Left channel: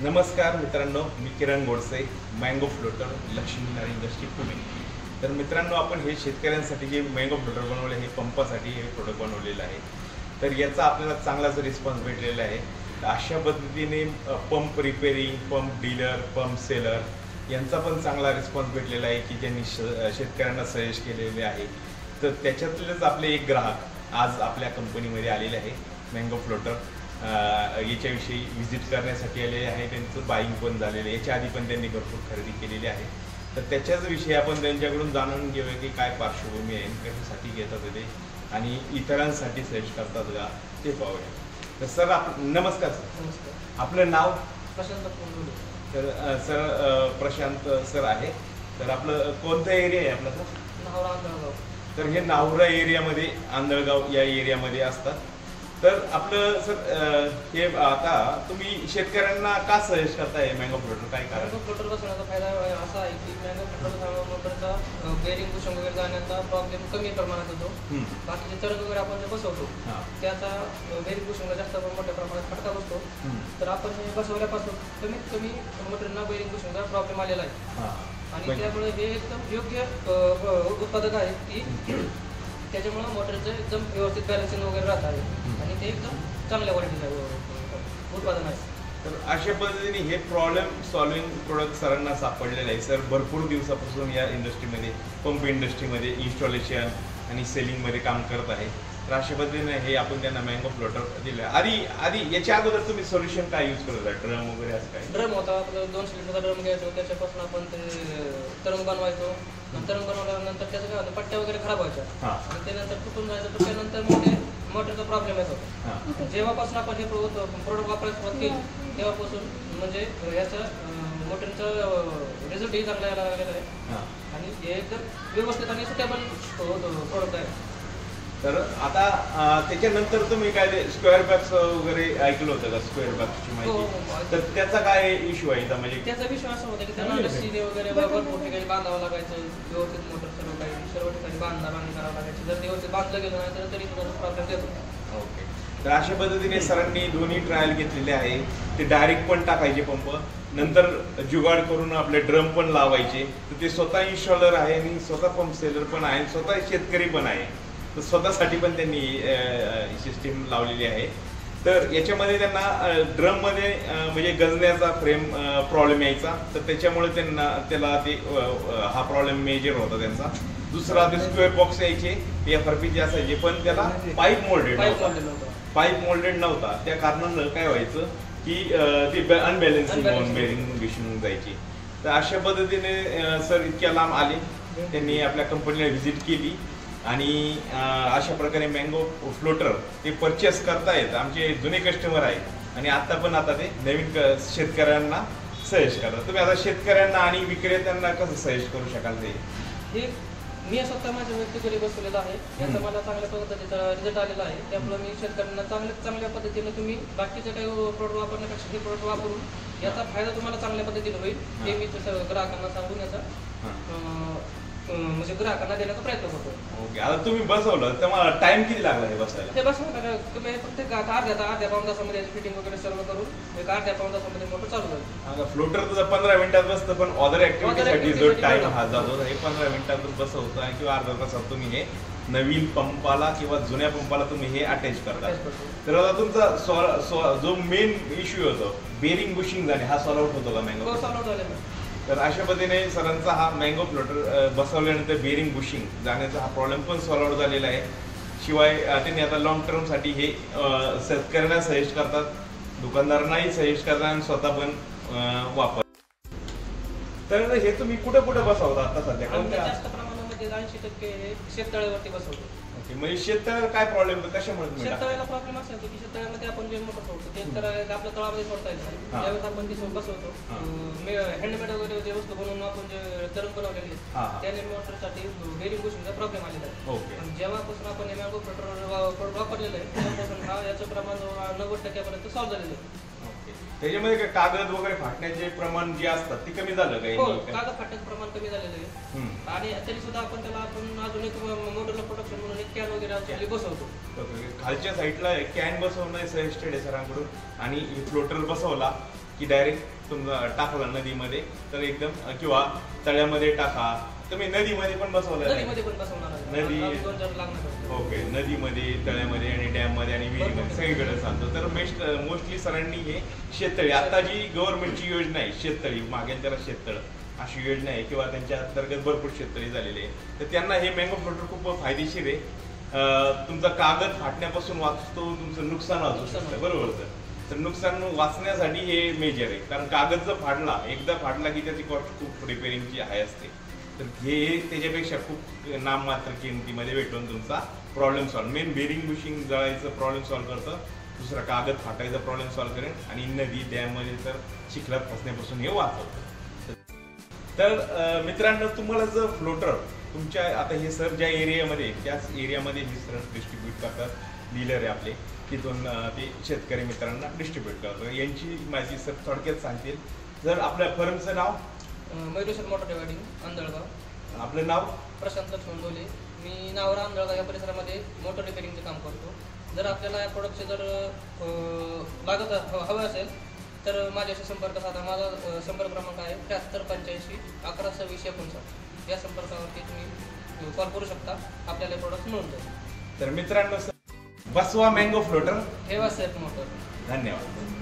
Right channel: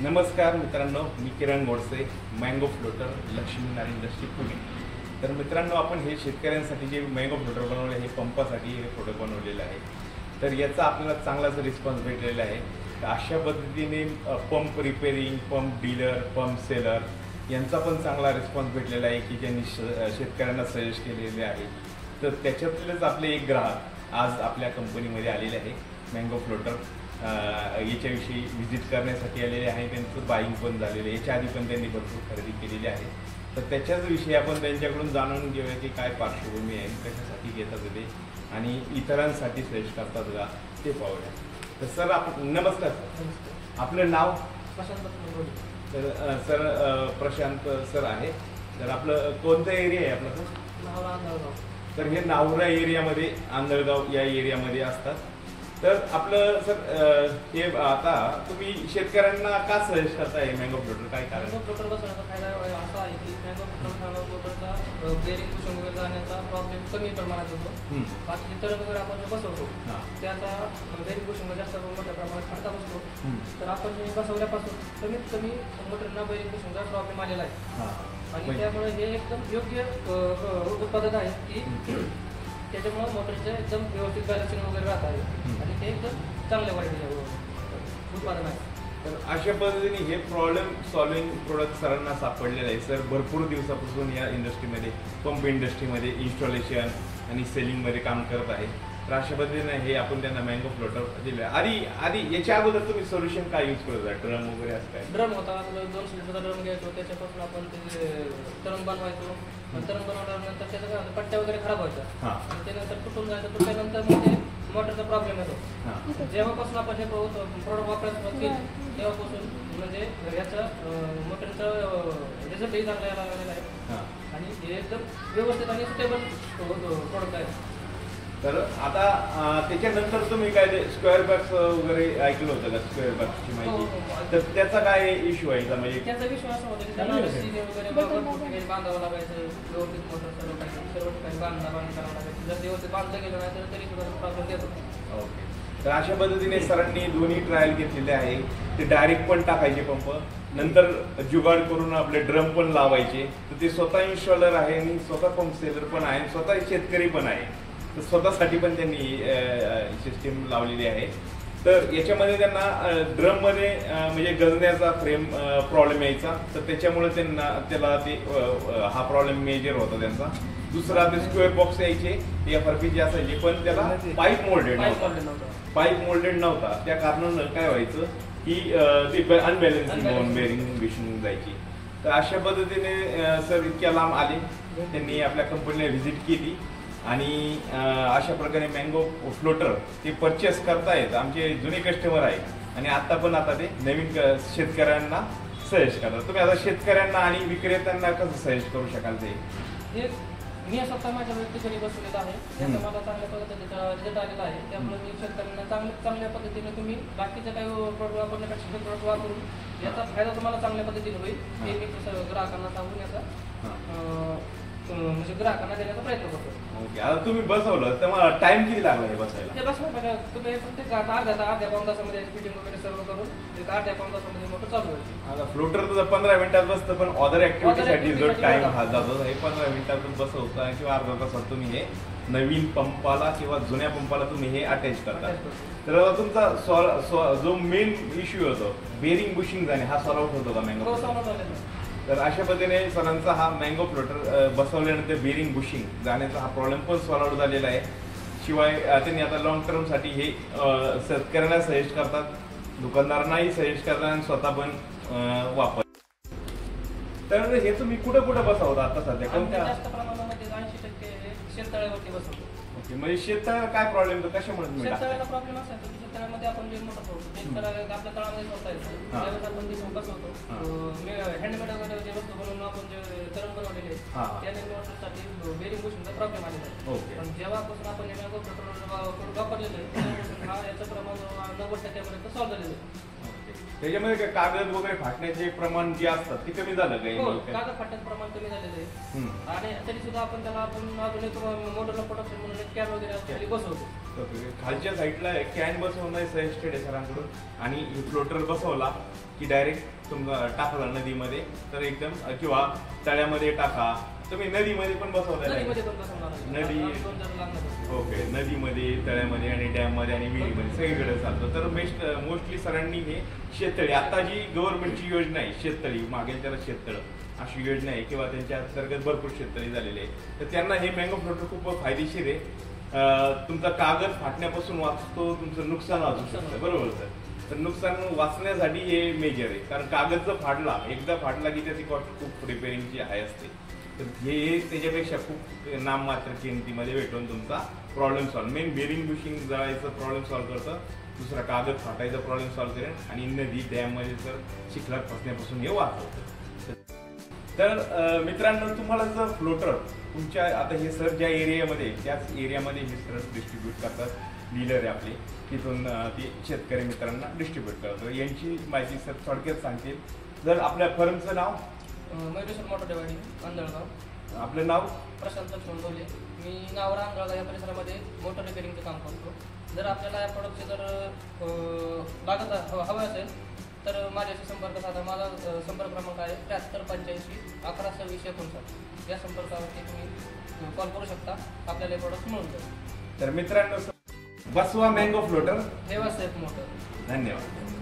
नमस्कार मित्रांनो, मी किरण Godse, mango floater, Lakshmi नारी इंडस्ट्री पुणे. तर मित्रांनो, आपण हे शेतकऱ्यांसाठी जे मँगो फ्लोटर बनवले हे पंपासाठी हे प्रोडक्ट बनवलेलं आहे. तर याचा आपल्याला चांगलाच रिस्पॉन्स भेटलेला आहे. तर अशा पद्धतीने pump repairing, pump dealer, pump seller यांचा पण चांगला रिस्पॉन्स भेटलेला आहे की त्यांनी शेतकऱ्यांना सजेस्ट केलेले आहे. तर त्याच्यातलेच आपले एक ग्राहक आज आपल्या कंपनीमध्ये आलेले आहे. मँगो फ्लोटर याच्याविषयी व्हिजिट करण्यासाठी आलेले आहे. त्यांचं बाईंग पण झालेलं आहे. याच्या आधी पण त्यांनी भरपूर खरेदी केलेली आहे. तर त्याच्याच विषयी आपण त्यांच्याकडून जाणून घेऊया की काय पार्श्वभूमी आहे, कशासाठी घेतात ते आणि इतरांसाठी सजेस्ट करतात का ते पाहूया. तर सर नमस्कार सर. नमस्कार. आपलं नाव? प्रशांत. तर सर प्रशांत सर आहे. तर आपलं कोणतं एरिया आहे आपला सर? नावरा आंधळगाव. तर हे नावरा एरियामध्ये, आंधळगाव या एरियामध्ये असतात. तर आपलं सर हे आता तुम्ही शेतकऱ्यांना का सजेस्ट करताय मँगो फ्लोटर, काय कारण? मँगो फ्लोटर बसवण्याचा फायदा असा आहे की मँगो फ्लोटरचा बेरिंग कुशन वगैरे जाण्याचा प्रॉब्लेम कमी प्रमाणात येतो. बाकीचे तरंग वगैरे आपण जे बसवतो त्याचा बेरिंग कुशनला जास्त मोठ्या प्रमाणात फटका बसतो. तर आपण बसवल्यापासून कमीत कमी मोटरला बेरिंग कुशनचा प्रॉब्लेम आलेला आहे आणि त्यामुळे हे एकदम योग्य उत्पादन आहे की त्याच्यामुळे मोटरचं एकदम व्यवस्थित बॅलन्सिंग वगैरे राहत आहे आणि ते एकदम चांगल्या क्वालिटीचं उत्पादन आहे. तर अशा पद्धतीने हे प्रॉब्लेम सॉल्विंग प्रोडक्ट सरांना सापडलेलं आहे. सर भरपूर दिवसापासून या इंडस्ट्रीमध्ये, पंप इंडस्ट्रीमध्ये इन्स्टॉलेशन आणि सेलिंगमध्ये काम करत आहे. तर अशा पद्धतीने हे आपण त्यांना मँगो फ्लोटर दिलं. आधी याच्या अगोदर तुम्ही सोल्युशन काय यूज करत होता? ड्रम वगैरे असं काय? ड्रम होता, आपल्याला 200 लिटरचा ड्रम घ्यायचो, त्याच्यापासून आपण ते तरंग बनवायचो. तरंग बनवल्यानंतर त्याचं काय होतं, पट्ट्या वगैरे खराब व्हायच्या आणि त्यानंतर तुटून जायचं. तुटल्यानंतर मग ते मोटरचा प्रॉब्लेम येतो. जेव्हापासून आपण हे प्रोडक्ट वापरायला सुरुवात केली तेव्हापासून म्हणजे याचा मोटरचा रिझल्टही चांगला आलेला आहे आणि हे एकदम व्यवस्थित आणि सुटेबल प्रोडक्ट आहे. तर आता त्याच्यानंतर तुम्ही काय ते स्क्वेअर बॅग्स वगैरे ऐकलं होतं का? स्क्वेअर बॅग्सची माहिती. तर त्याचा काय इश्यू आहे का? म्हणजे त्याचा विश्वास होता की त्यांना सीने वगैरे काही बांधावं लागायचं, व्यवस्थित मोटर सर्व ठिकाणी बांधावं करावं लागायचं. जर व्यवस्थित बांधलं गेलं नाही तर तरी सुद्धा प्रॉब्लेम येत होता. ओके. तर अशा पद्धतीने सरांनी दोन्ही ट्रायल घेतलेले आहे. ते डायरेक्ट पण टाकायचे पंप, नंतर जुगाड करून आपले ड्रम पण लावायचे. तर ते स्वतः इन्स्टॉलर आहे आणि स्वतः पंप सेलर पण आहे, स्वतः शेतकरी पण आहे. तर स्वतःसाठी पण त्यांनी सिस्टीम लावलेली आहे. तर याच्यामध्ये त्यांना ड्रममध्ये म्हणजे गंजण्याचा फ्रेम प्रॉब्लेम यायचा. तर त्याच्यामुळे त्याला ते हा प्रॉब्लेम मेजर होता त्यांचा. दुसरा ते स्क्वेअर बॉक्स यायचे, FRP असायचे, पण त्याला पाईप मोल्डेड नव्हता. त्या कारणानं काय व्हायचं की ते अनबॅलन्सिंग होऊन बेरिंग विषून जायची. तर अशा पद्धतीने सर इतक्या लांब आले, त्यांनी आपल्या कंपनीला व्हिजिट केली आणि अशा प्रकारे मँगो फ्लोटर ते परचेस करतायत. आमचे जुने कस्टमर आहेत आणि आता ते नवीन शेतकऱ्यांना सजेस्ट करतात. तुम्ही आता शेतकऱ्यांना आणि विक्रेत्यांना कसं सजेस्ट करू शकाल? ते मी स्वतः माझ्या व्यक्तीकडे बसवलेला आहे, त्याचा मला चांगल्या पद्धतीचा रिझल्ट आलेला आहे. त्यामुळे मी शेतकऱ्यांना चांगल्या पद्धतीने तुम्ही बाकीचे काही प्रोडक्ट वापरण्यापेक्षा हे प्रोडक्ट वापरून याचा फायदा तुम्हाला चांगल्या पद्धतीने होईल हे मी सर्व ग्राहकांना सांगून याचा म्हणजे ग्राहकांना देण्याचा प्रयत्न करतो. ओके. आता तुम्ही बसवलं तर मला टाइम किती लागला हे बसायला? ते बसवलं तुम्ही फक्त अर्ध्या पाऊण तासामध्ये फिटिंग वगैरे सर्व करून एक अर्ध्या पाऊण तासामध्ये मोटर चालू होईल. आता फ्लोटर तुझं 15 मिनिटात बसतं, पण अदर ऍक्टिव्हिटीसाठी जो टाइम हा जातो हे 15 मिनिटातून बसवता किंवा अर्धा तासात तुम्ही हे नवीन पंपाला किंवा जुन्या पंपाला तुम्ही हे अटॅच करता. तर आता तुमचा जो मेन इश्यू होतो बेरिंग बुशिंग जाणे हा सॉल्व आउट होतो का मँगो? सॉल्व आउट झालेला. तर अशा पद्धतीने सरांचा हा मँगो फ्लोटर बसवल्यानंतर बेरिंग बुशिंग जाण्याचा हा प्रॉब्लेम पण सॉल्व आउट झालेला आहे. शिवाय त्यांनी आता लॉंग टर्मसाठी हे शेतकऱ्यांना सजेस्ट करतात, दुकानदारांनाही सजेस्ट करतात आणि स्वतः पण वापर. तर हे तुम्ही कुठे बसवता आता सध्या? जास्त प्रमाणामध्ये 80% शेततळ्यावरती बसवतो. ओके. म्हणजे शेततळ्याला काय प्रॉब्लेम होतो, कशामुळे? शेततळ्याला प्रॉब्लेम असा येतो की शेततळ्यामध्ये आपण जे मोटर ठेवतो ते तर आपल्या तळामध्ये सोडता येतो. त्यावेळेस आपण ते बसवतो. हँडमेड वगैरे जे वस्तू बनवून आपण जे तरंग बनवलेले त्याने मोटरसाठी बेरिंग बुशिंगचा प्रॉब्लेम आलेला आहे. आणि जेव्हापासून आपण हे मँगो फ्लोटर वापरलेलं आहे तेव्हापासून याचं प्रमाण 90% सॉल्व झालेलं आहे. त्याच्यामध्ये काय कागद वगैरे फाटण्याचे प्रमाण जे असतात ते कमी झालं काही? कागद फाटण्याचं प्रमाण कमी झालेलं आहे आणि तरी सुद्धा आपण त्याला अजून एक मॉडर्न प्रोडक्शन म्हणून एक कॅन वगैरे बसवतो. खालच्या साईडला कॅन बसवणं सजेस्टेड आहे सरांकडून आणि फ्लोटर बसवला की डायरेक्ट तुम्ही टाकला नदीमध्ये तर एकदम किंवा तळ्यामध्ये टाका. तुम्ही नदीमध्ये पण बसवलेलं आहे? नदीमध्ये पण बसवणार आहे. नदी, आम्ही 2 जण लागणार आहोत. ओके. नदीमध्ये, तळ्यामध्ये आणि डॅममध्ये आणि विहिरीमध्ये सगळीकडे चालतं. तर मोस्टली सरांनी हे शेततळी, आता जी गव्हर्नमेंटची योजना आहे शेततळी, मागेल त्याला शेततळ अशी योजना आहे किंवा त्यांच्या अंतर्गत भरपूर शेततळी झालेले आहे, तर त्यांना हे मँगो फ्लोटर खूप फायदेशीर आहे. तुमचा कागद फाटण्यापासून वाचतो, तुमचं नुकसान वाचू शकतं, बरोबर. तर नुकसान वाचण्यासाठी हे मेजर आहे, कारण कागद जर फाडला, एकदा फाडला की त्याची कॉस्ट खूप रिपेअरिंगची आहे असते. तर हे त्याच्यापेक्षा खूप नाममात्र किमतीमध्ये भेटून तुमचा problem solve, main bearing bushing जळायचं प्रॉब्लेम सॉल्व्ह करतं, दुसरा कागद फाटायचा प्रॉब्लेम सॉल्व्ह करेन आणि नदी डॅममध्ये तर चिखलात फसण्यापासून हे वाचवतं. तर मित्रांनो, तुम्हाला जर फ्लोटर तुमच्या, आता हे सर ज्या एरियामध्ये त्याच एरियामध्ये हे सर डिस्ट्रीब्यूट करतात, डीलर आहे आपले, तिथून ते शेतकरी मित्रांना डिस्ट्रीब्यूट करतात. यांची माहिती सर थोडक्यात सांगतील. जर आपल्या फर्मचं नाव? Mayureshwar motor dividing, Andhalgaon. आपलं नाव? प्रशांत लक्ष्मण. मी नावरा अंधळगाव या परिसरामध्ये मोटर रिपेअरिंगचं काम करतो. जर आपल्याला या प्रोडक्टचे जर लागत हवं असेल तर माझ्याशी संपर्क साधा. माझा संपर्क क्रमांक आहे 7385 1126 या संपर्कावरती तुम्ही कॉल करू शकता. आपल्याला हे प्रोडक्ट मिळून जाईल. तर मित्रांनो, बसवा मँगो फ्लोटर, ठेवा सेफ मोटर. धन्यवाद.